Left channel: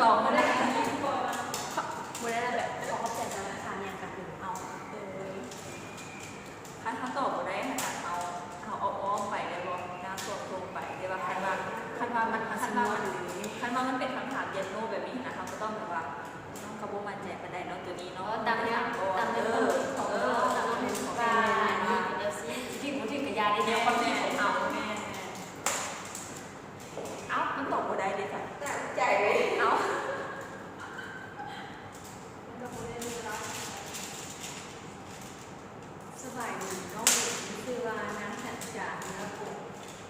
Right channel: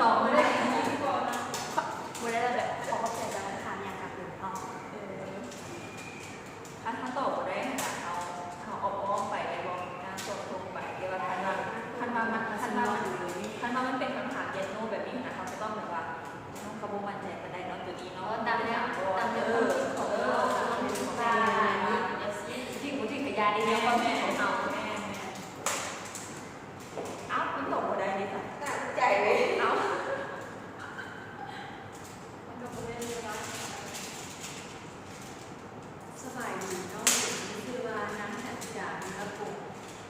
ต่อไม่ได้บุได้แบบขอเข้าใจจะทานอย่างกับหรือเอาถ้าต่อได้เขาเอาอ้อมไปเลยว่าน้ำสดลงไปเดี๋ยวว่าคันว่ามันเป็นคำถามเย็นโน่แบบนี้นะคะก็ต้องแบบว่ากระบวนการแจกกันได้เนาะตัวนี้เนาะตามเนี่ยตามเดี๋ยวที่กระยาได้เนี่ยเขาไม่เอาแม่เอาไม่ตกได้เลยค่ะใจเลยเอาสบายดีก็คือว่าน้ำหัดจากเนื้อปู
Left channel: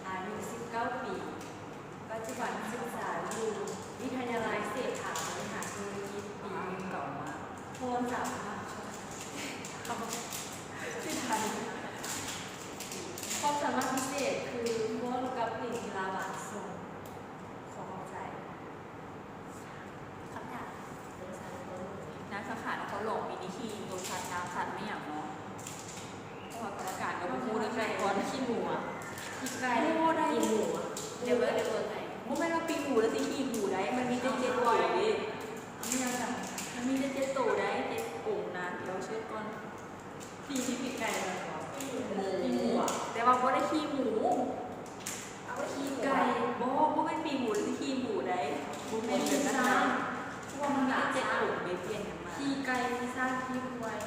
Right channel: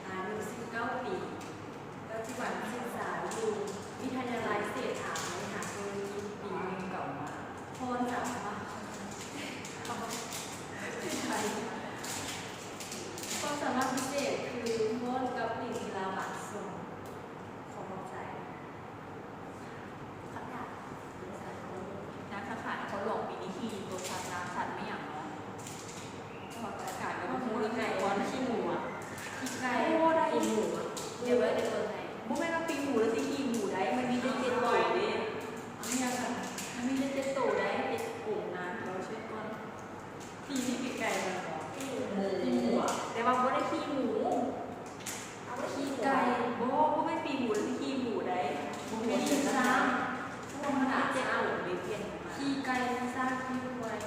อายุ19 ปีปัจจุบันศึกษาอยู่วิทยาลัยเศรษฐาบริหารธุรกิจปีหนึ่งก่อนโทรศัพท์ค่ะที่ไทยความสามารถพิเศษคือม่วนกับหลิงกีฬาบาทส่งของใจนักข่าวเขาหลอกมีนิธีโดยการรักสัตว์ไม่อย่างน้อยอากาศเราพูดไก่วันขี้หมูอ่ะไก่กินหมูเดี๋ยวเลยเดี๋ยวไงมันไม่ต้องปีหมูแล้วสิกินหมูได้มันมีเจ็ดตัวดิไม่ยังไงมันมีเจ็ดตัวได้เจ็ดกลุ่มนะเดี๋ยวเช็คก่อนพี่ที่ปีไก่เลยหมูอ่ะแต่ว่าไม่ได้ขี้หมูเอาไว้ขี้ไก่เพราะไม่ปีหมูแล้วสิขี้หมูได้ไม่ได้สร้างพวกมันหนาเจ็ด สร้าง กลุ่มเบี้ยน ขี้ไก่สร้างขี้ควาย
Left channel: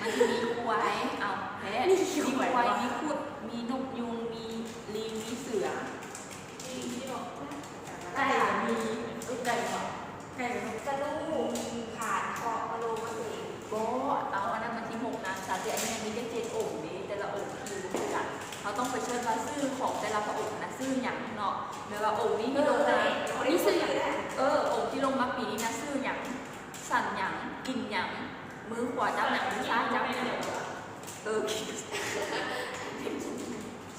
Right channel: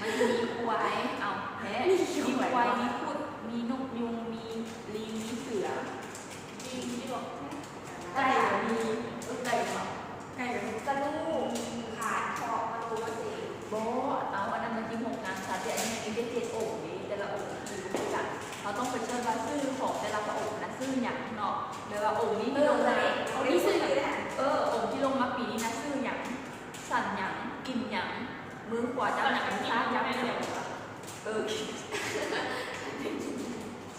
มันมีควายเอาแพ้มีควายมีพวกมีนกยุงมีลิงมีเสือมีที่บอกไก่มีไก่ก่อนไก่กระลูกขาดคอกระดูกมันเองโบเอาอันนั้นมันที่หกนะแต่อันนี้มีเจ็ดโอ่งนี้แต่ละโอ่งคือกันเราต้องไปเชิญว่าซื่อของแต่ละโอ่งนะซื่ออย่างเนาะหรือว่าโอ่งนี้อะไรโอ่งนี้ซื่อเลยโอ่งที่ลงมาปีนี้นะซื่ออย่างสั่นอย่างกินอย่างมือขวาจะหนังช้าจะไม่เร็วกิน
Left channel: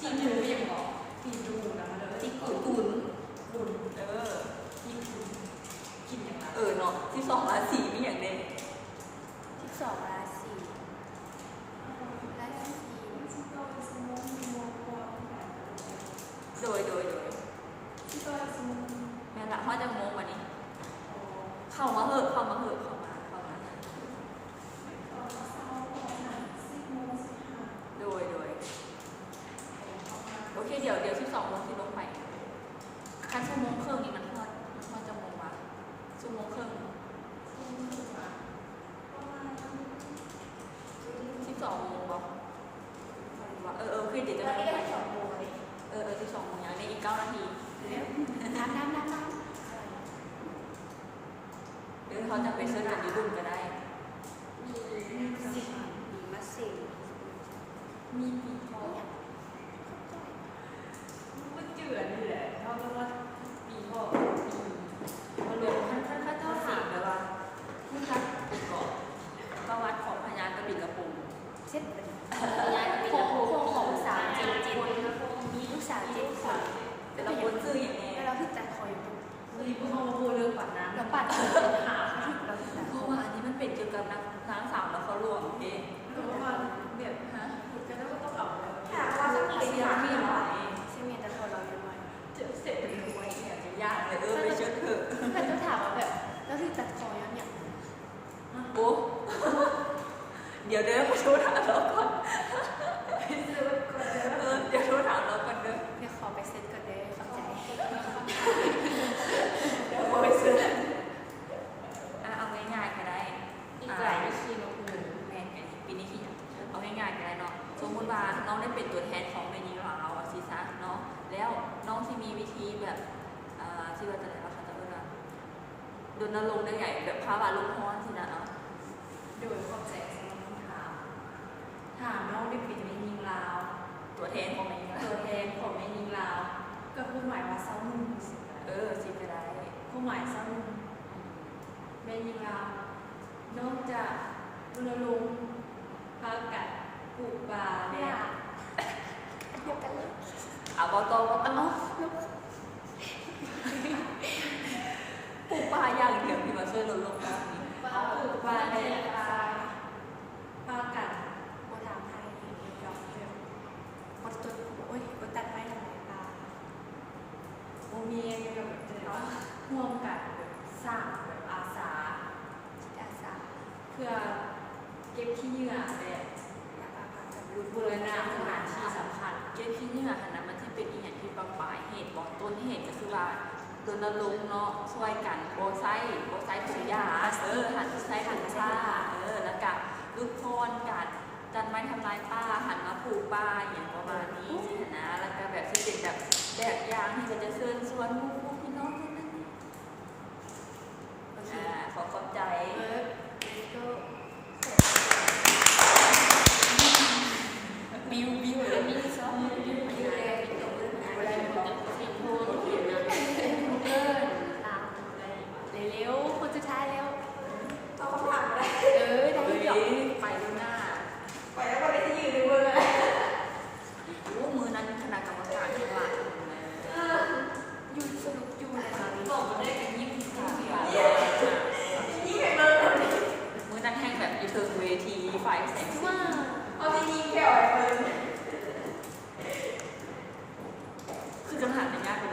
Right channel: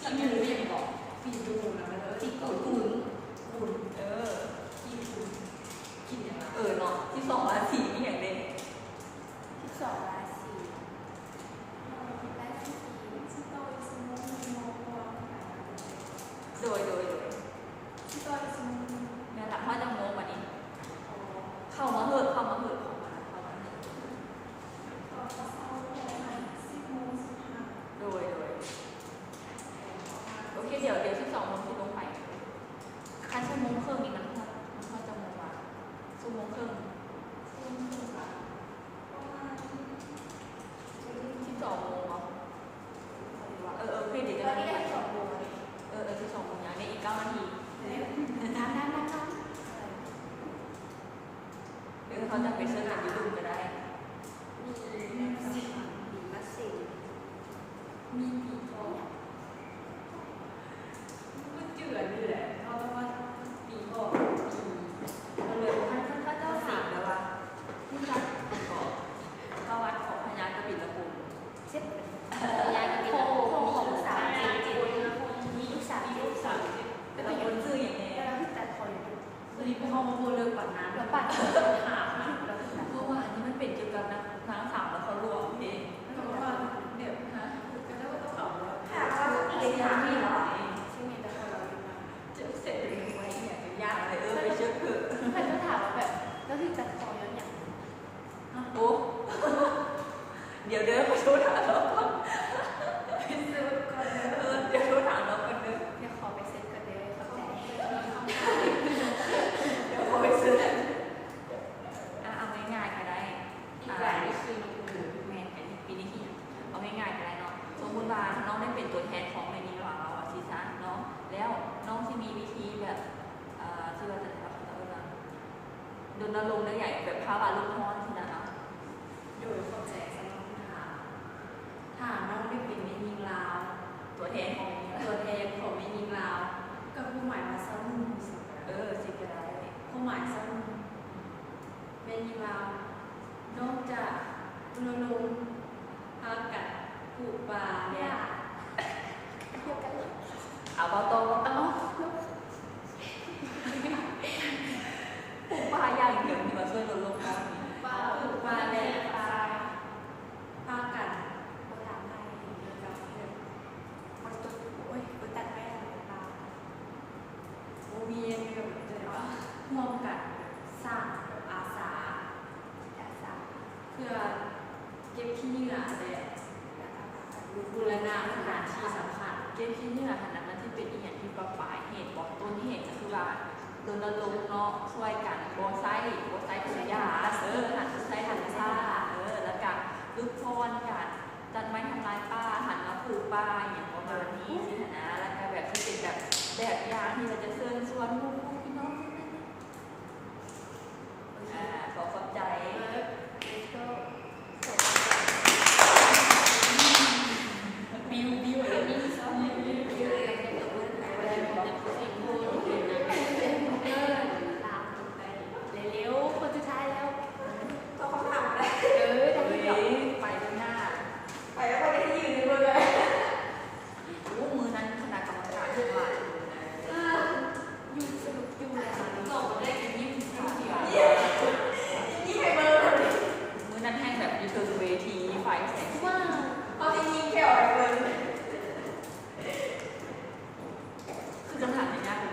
ที่มืออย่างบอกกินดูนะมันเลยที่กุนกินอย่างไรเนาะที่สองราศีมีอย่างเด่น12 ราศีโดยแม่ละมาจะโมวันนี้เข้ามาเหอะโดยโอเคเดี๋ยว12 โมงที่ลงไปการชั่วโมงครึ่งอีกนะคะมาจะโมงละชั่วโมงครึ่ง12 โมงคือเดี๋ยวจะได้12 โมง12 โมงในอีก9 นาทีน้ำเดี๋ยวเขาจะไปซื้อหนังยูทูบก็ได้มีปีทองมันเจือนี่แหละเพราะว่าปีทองมันเลยท่านสิ่งแบบว่าที่รักก็วัดของพญากระบี่กระปุกเช็ดพญากระบี่มีลูกสาวแต่ตัวคนซื้ออย่างนี้แล้วคือแต่คอยวันนี้พวกเขามาพูดเรื่องปัดน้ำแล้วปัดหาเพราะว่าอันนี้มันเป็นเกี่ยวกับนะทั้ง3แล้วเขารวมเองเพราะว่าเนี่ยก็ต้องเอาค่ะเสียมีหลายที่มีแต่เราอยู่มาเจอเสร็จเป็นอยากจะยากเลยไปเชื่อเถอะแต่จะถามแบบแล้วที่ตัดใจแล้วเนี่ยโอ้เดี๋ยวไปช่วยถามเราก่อนเดี๋ยวถามเราก่อนเลยเดี๋ยวขอไปเซ็ตก่อนเดี๋ยวเข้าใจเอาไปซื้อเอาง่ายๆก็ได้อีกอย่างนี้คือมันคือแม่ปีนี้คิดเอาง่ายๆก็ได้เนาะสมมติว่าน้องได้เป็นตัวแทนของแม่นี้หรอเราซีซ่าเนาะแล้วน้องที่มีวิธีแบบที่ว่าจะรณรงค์ได้ใหญ่แบบพาบาลูกพ่อที่นั่นโดยความแจกสำหรับถามน้องได้เป็นในมีลาวตัวแทนของในมีลาวก็ผู้หมายว่าเศร้านุ่มสิก็ได้ผู้หมายเศร้านุ่มเป็นมีลาวนอกจากรณรงค์พากัดปลูกป่าแล้วเอาโตปลูกป่าอย่างเดียวที่เราช่วยลดโลกร้อนปลูกป่าแล้วพากัดกับเรื่องปัจจุบันตัดไปอะไรบ้างโอเมียกับเจอว่าห่วงกัด สั่งแบบอาสา อาสา เพื่อเก็บขี้เหงื่อเลยบูรณะสถานที่สำคัญ เกมที่นี่ค่ะนั้นมันที่เป็นอีกอย่างที่ปลายเหตุบอกต้นเหตุก็คือว่าตัวละลงเนาะช่วยกันโบไซถุงยาหันใช้ถุงยาแล้วก็ลูกพรกันจันไว้ทำลายป้าหันมาปลูกป้าอย่างประมาณนี้ใช่ไหมนะแล้วก็แบบที่เป็นแบบอย่างที่เราจะเชิญชวนลูกพี่น้องขอขอบใจบิวแล้วมีซ้อนบิวเลยมีตัวเลือกอะไรแบบสิ่งโบราณเร็วๆคนจะใช้แล้ว ต้องทำแล้ว ได้ ไปข้างหน้า ไปแล้วก็ได้ยืนด้วยเลย มือนั้นขนาดกรรมการที่มายุ่งอะไร บอกมาได้กันยิ้มเดียว ยิ่งให้เบอร์เลย มือนั้นแห้งแบบอยู่เทิงเวทีไฟแสงสี พอจะยิงแค่ออกเบอร์ คือจะหาได้ง่ายเล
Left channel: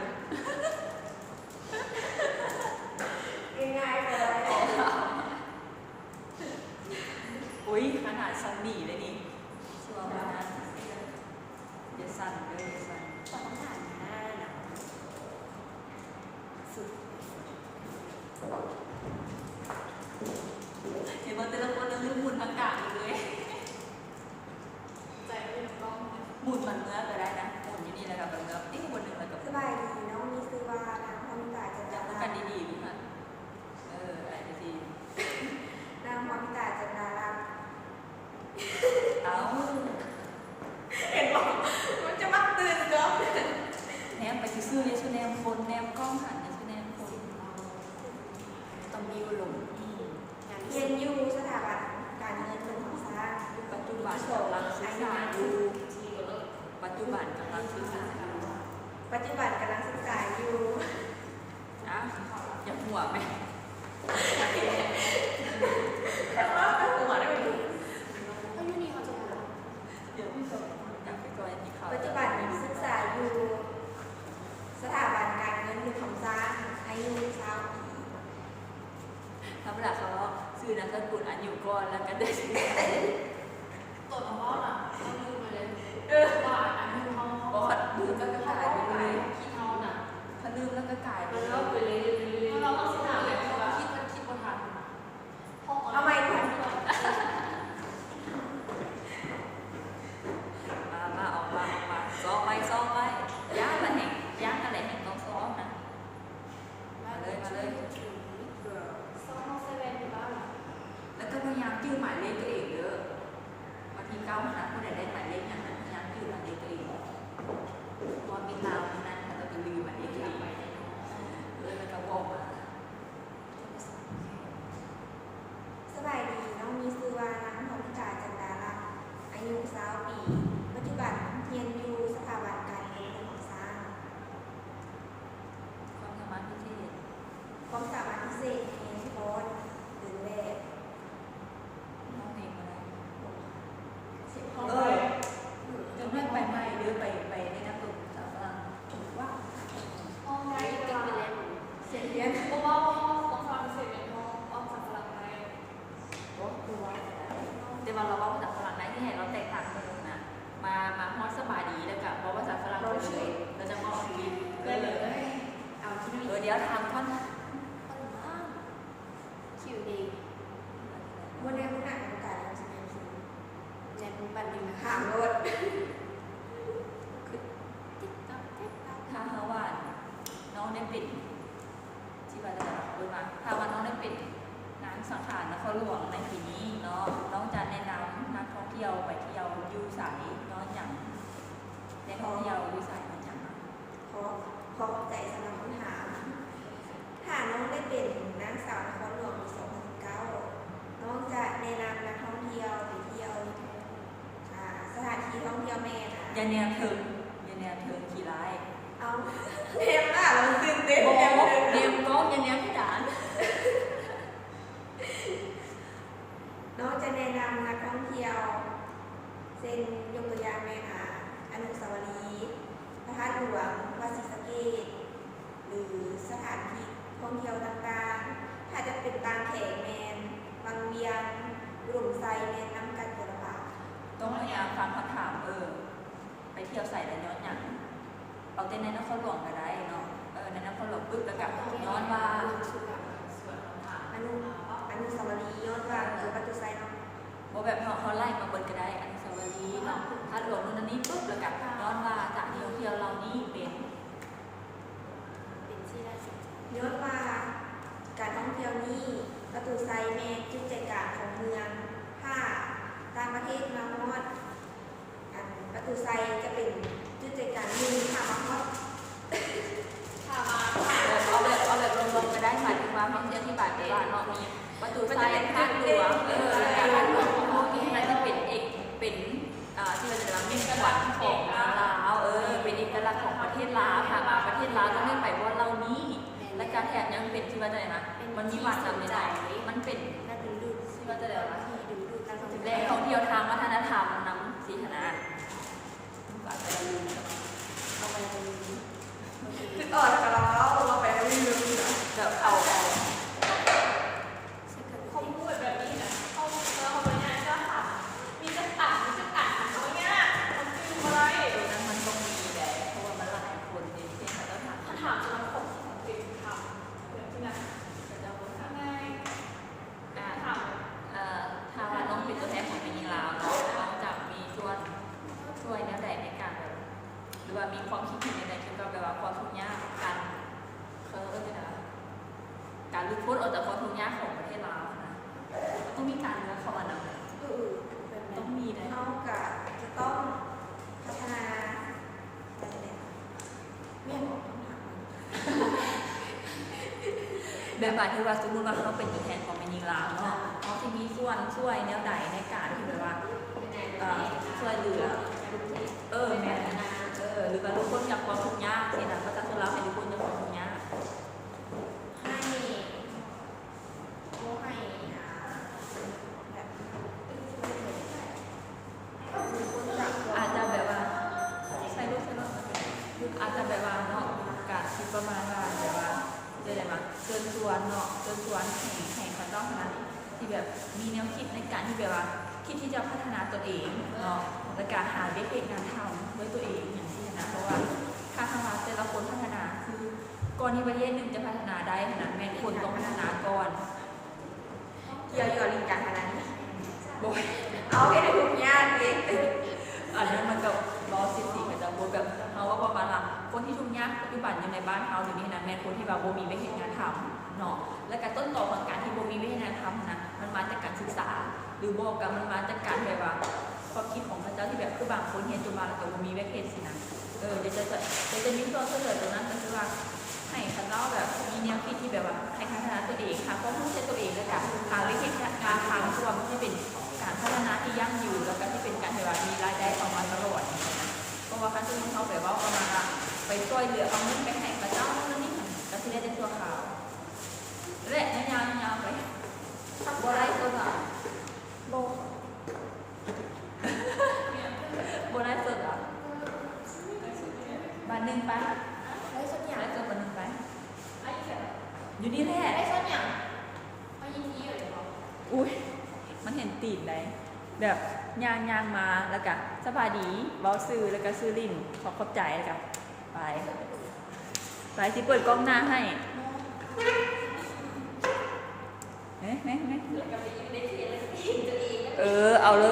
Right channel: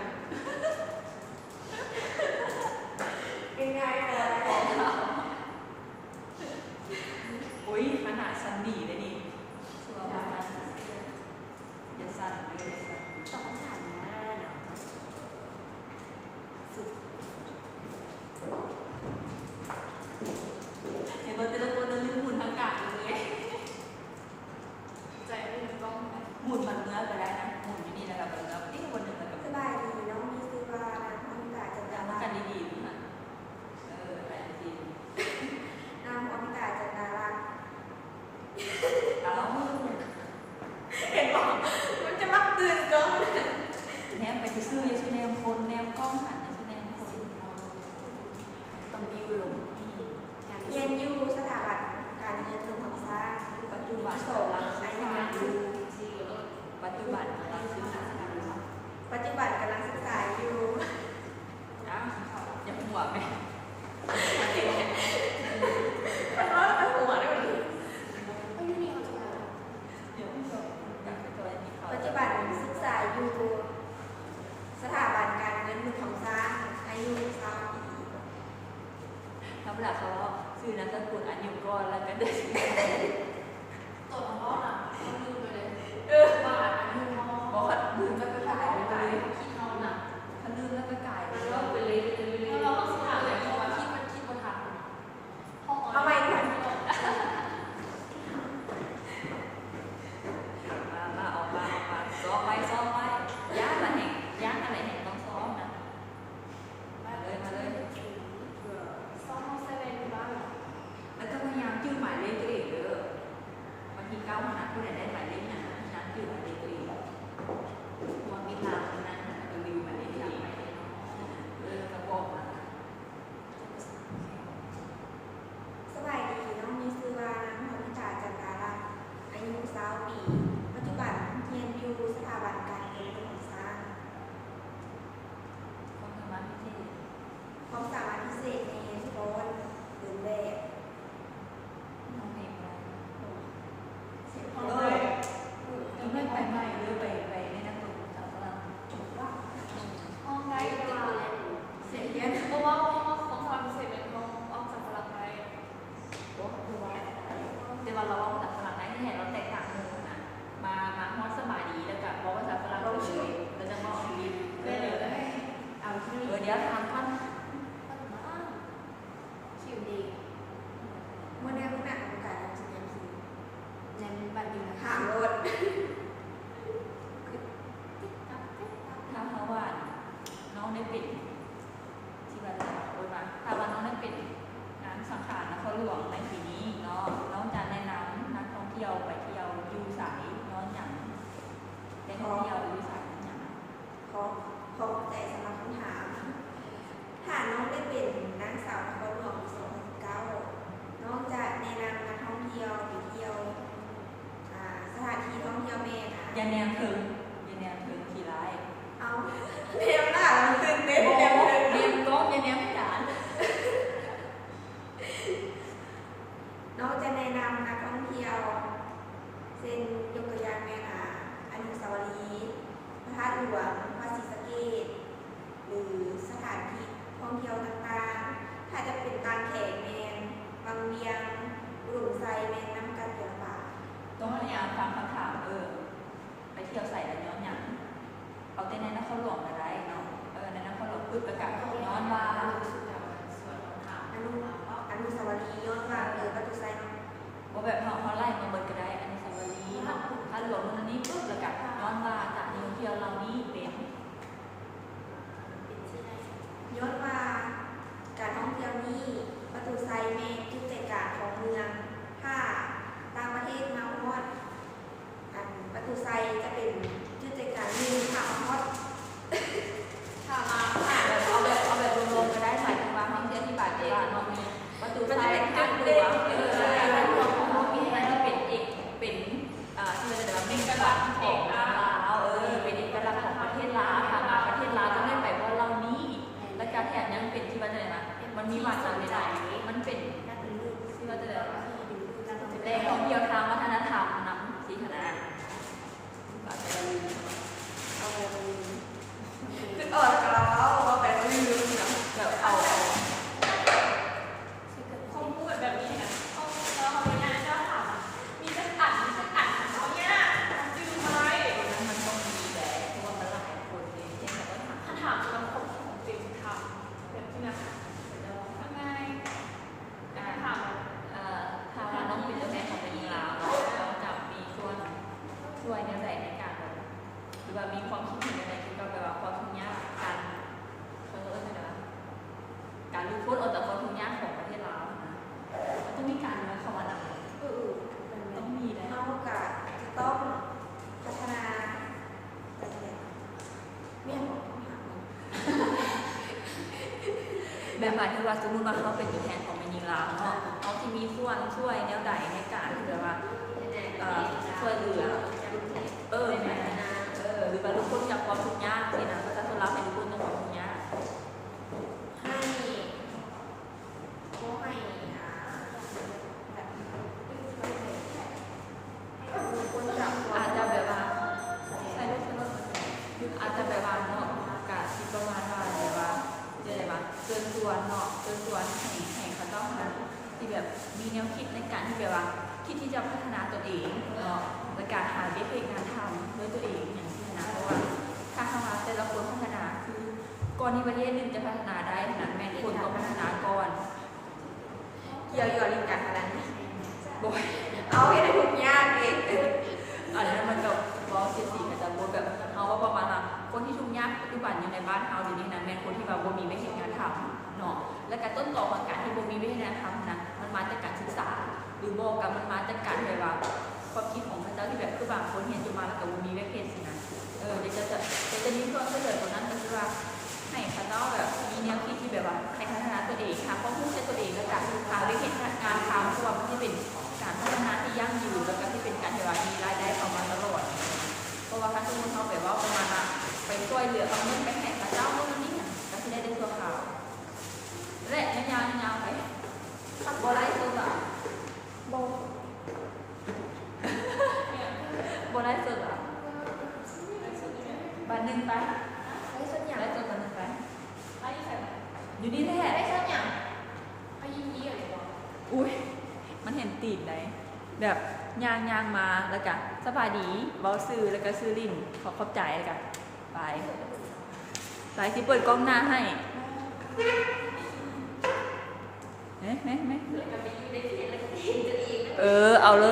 ย ง่ายๆเลย อุ้ยขนาดซันบีเลยนี่ชัวร์นะอย่าสั่นเลยสั่น ต้องถามนะสุด เดี๋ยวเราจะได้คนนึงหมุนอากาศเลย ใจไม่ถึงกล้อง หมุนมันเนื้อไปได้นะหมุนที่นี่แล้วแบบแล้วนี่คนหนึ่งแบบ สบายดีน้องมีซื้อวาร้านพร้อมพิตาจันดา จำ รา กันดีๆดูนะอะไรดี ร้านพร้อมพิตาจันดารา เอ้า เห็นบอกมันจะมักตื่นกล้อง แนมไปซื้อยาชูแนมคนแนมกล้องหันยาชูแนมคน ต้องมีอยู่ เรียนอยู่สถาบันการเงินหลวงของสร้าง ปัจจุบัน โสด เราศึก อา ษา ยุยัง อยู่ปัจจุบันเราศึกษาอยู่ ปัจจุบันกำลังศึกษาอยู่ อย่าหัวไป แต่ว่าหัวได้ไหม เดี๋ยวไม่สนอยากไปจอยมีเขา ปัจจุบันศึกษาอยู่สถาบันการเงินหลวงของสร้างอายุ3 ปี ถ้าเวลาเขาซื้อนะถ้าคุณอายุก่อนแล้วก็ได้ซื้อ ตัวของเราน่ะต้องลืมไปเลย ว่า อันนี้เขา เพราะขัดมือก็ เขา กลาย ไป ไป เล เลย ย ขี้เขาน่ะ ถ้าลืมแล้วก็กลายไปเลย เราไปเลยเราต้องถามเลยเพราะว่าคิดบนทางห้อง เอาใหม่ก่อน มาออกมาซ้อมไปยากอะไรแห่งต้องซ้อมนะมาเลยมาเลย ซ้อมห้องเซเว่นที่บ้านเหรอ แล้วก็พยายามจิ้วหมายเลขตัวเองเยอะบางทีก้าวขนาดที่ไหนได้หมายเลขเนี่ยพยายามจิ้วหมายเลขตัวเองมองมีตาทั้งนั้นแล้วก็รีวิวหมายเลขตัวเองเลยกระบอก สบายดีน้องมีซื้อวานังพรพิตาจันดาราอายุ20 ปี ปัจจุบันเรียนอยู่สถาบันการเงินหลวงของสร้าง ความสามารถพิเศษ ความสามารถพิเศษในโพสต์หรือแบบ น้องเพลงอะไร เสียง เอ เขา อ เลย ไม่ไปใหม่หรือไปในนั้นเลยถามว่าถูกว่า ห้องได้แต่ว่า เสียงเรียน เพราะว่าของความเซเว่นห้องออกจากพลังไป โอ้โหแต่เราร้องภาษาฝรั่งได้ที่เห็นเราแตกต่างกันนะมาฮอดสมาดีแล้วกันเพราะภาษาฝรั่งเราชื่อเราจะเข้าชีวิตได้เลยเอาที่นี่เดี๋ยวทำท่อน คิวดี วันนี้คุณหนักของการเราจะเรียนคือ เน้นบันดีนะ ถามรถ ถ้าว่าน้องได้ปิดที่ว่าจะพูดว่าถ้าว่าน้องได้ปิดงานสังขารนครหลวงในปีนี้เนาะน้องจะแนะนำนักท่องเที่ยวไปเที่ยวยูสายน้องอย่างได้ท่องเที่ยวยูสายอย่าง ขอใจสำหรับคำถามถ้าน้องได้เป็นนางสาวนครหลวงปี2019น้องจะแนะนำนักท่องเที่ยวไปเที่ยวสถานที่ท่องเที่ยวแม่นะ อย่าแนมถึงขี่ร้าย เอาเรียนล่ะเราตื่นเต้น โอ้ เรียน เรียนก็อย่าแนมให้หลาน น้องจะแนะนำนักท่องเที่ยวเส้นยกตัวอย่างแม่นะอนุสาวรีย์พระธาตุหลวงวัดศรีสะเกษหรือสถานที่ท่องเที่ยวต่างๆ ยวนี้ประตูไซแม่จุดใจกลางของเมืองถ้าต่างประเทศมาฮอดอันประตูไซจะเป็นจุดใจกลางหนึ่งค่ะมาฮอด ค่ะมา เอาแบบรวมๆก็ได้ค่ะถึงว่าบางเดือนที่บาทเองเนาะมีประตูไฟข้างเรือโอเคนั่นจะเป็นเป็นที่จะเป็นเอกลักษณ์ของลาวเป็นเอกลักษณ์ของประเทศลาวนะคะประเทศลาวต้องเรียกไปว่าเรานี้และการแถบนั้นเป็นที่ว่าอะไรนะมันมีหลากหลายใจมันเป็น และเป็นลูก ที่ว่าจะได้ว่า ที่ดูดูการแสด แรง ง ท่องเที่ยวทางวัฒนธรรมน้ำสีธนา เอาไปตรงนี้คืออ่อนกับเราเอาไปแล้วลืมเหรอ เดี๋ยวเอา เขาพูดแบบนี้นะเขาเลยนะจะถามมีจะอ่านเขาเนี่ยมันฟิลอะไร มันต้องมีแบบที่ว่ามันหลายคนในเช่นแบบว่า ถ้าถามจะคนของฟิลค่ะเดี๋ยวที่นะยังไงถาม ถ้าน้องเป็นตัวแทนของเป็นลาวเราจะมีช่วยในแต่ในการแบบหรือว่ามีความคิดเห็นในเกี่ยวกับแบบว่าความทุกข์ยากการการรู้พ้นออกจากความทุกข์ยากของประเทศลาวนะต้องมีการรู้เข้ามานะต้องมีนะ เท่ากับจะต้องพัฒนาการแสดงเมียนของต้องหา แบบหมายถึงว่าสมมติว่าเขาเป็นตัวแทนของเป็นยิงลาวเนาะเขาจะมีส่วนช่วยแนวใดในการที่แบบว่าช่วยเหลือแม่หรือว่าทุกคนอยากความทุกข์ยากสินะประชาชนลาวให้ทุกคนมีความทุกข์ยาก ให้ผู้ให้แบบมีคนจับ อาจจะแบบว่าใช้รถอาจจะแบบว่าเนาะกะคิดประมาณว่าแบบว่าจะอะไรมาเชิญชวนเนาะเชิญชวนให้เขาต้องคณะที่แบบมีแนวคิดในการที่แบบว่าคิดที่จะพัฒนาตัวเองเนาะและการหาเบสงานทำด้วยตัวเองอย่างที่นะเพราะว่าถ้าทางว่าแต่ละคนพัฒนาคือก่อนที่ประเทศหนึ่งจะพัฒนาได้ขนาดแม่คนต้องพัฒนาก่อน เกี่ยวอยู่ลิงกันอะไร บ่อย เอาให้ได้ทุกญาติเอง อันนั้นมันกับบอสสีกับจับแบบเขาว่าประมาณว่าคนที่ชุ่มยากปัจจุบันอยู่ในบ้านเขาอยู่นี่นะแม่นคนที่แบบบ่มีไม่เห็นงานทำเนาะและการต้นต่อของการที่บ่มีไม่เห็นงานทำนะมันมาจากการศึกษา หรือบอกกันมันมาจากการแบบว่าความคิดของพระเจ้าที่แบบคือบางคนเห็นจนมาแล้วก็บ่มีเวกเห็นสินะเดี๋ยวจะมีส่วนเสนอตัวนั้นก็คือว่าให้พระเจ้าแบบมีแนวคิดที่แบบว่าให้พัฒนาตัวเองค่ะความรู้ใช้ตัวเองและการหาเวกเห็นงานทำเพราะว่ามันจะเป็นการพัฒนาที่ยั่งยืนแล้วก็ที่เป็นการที่ว่ามีรายได้เข้ามาตลอดอย่างเงี้ยนะเพราะว่าคันสมมุติเขาแบบว่าประมาณว่าไปช่วยเหลือเอาเงินไปให้พระเจ้าโน่นนี่ก็ที่ได้ตัวข่าวและยาวๆไปบ่ได้ตัวอ่ะ โบ บ่ได้ตัวอ่ะบาทหนึ่งไป ได้ส่วนใหญ่ ได้ตัวบาทหนึ่งไป ไอ้แบบ อยู่นี่แหละ ได้ส่วนใหญ่ ไอ้ยี่อะไรบอก อุ้ยมันเห็นตีนได้แบบยางมาแล้วก็สบายดีเว้าซื้อแล้วก็ซื้อลิ้นขอบใจแล้วก็ไปสิเปิดกล้องหน้าให้เฮ้ย แล้วก็ไปยืนในที่แล้วก็เห็นตัวเอง เอาเลย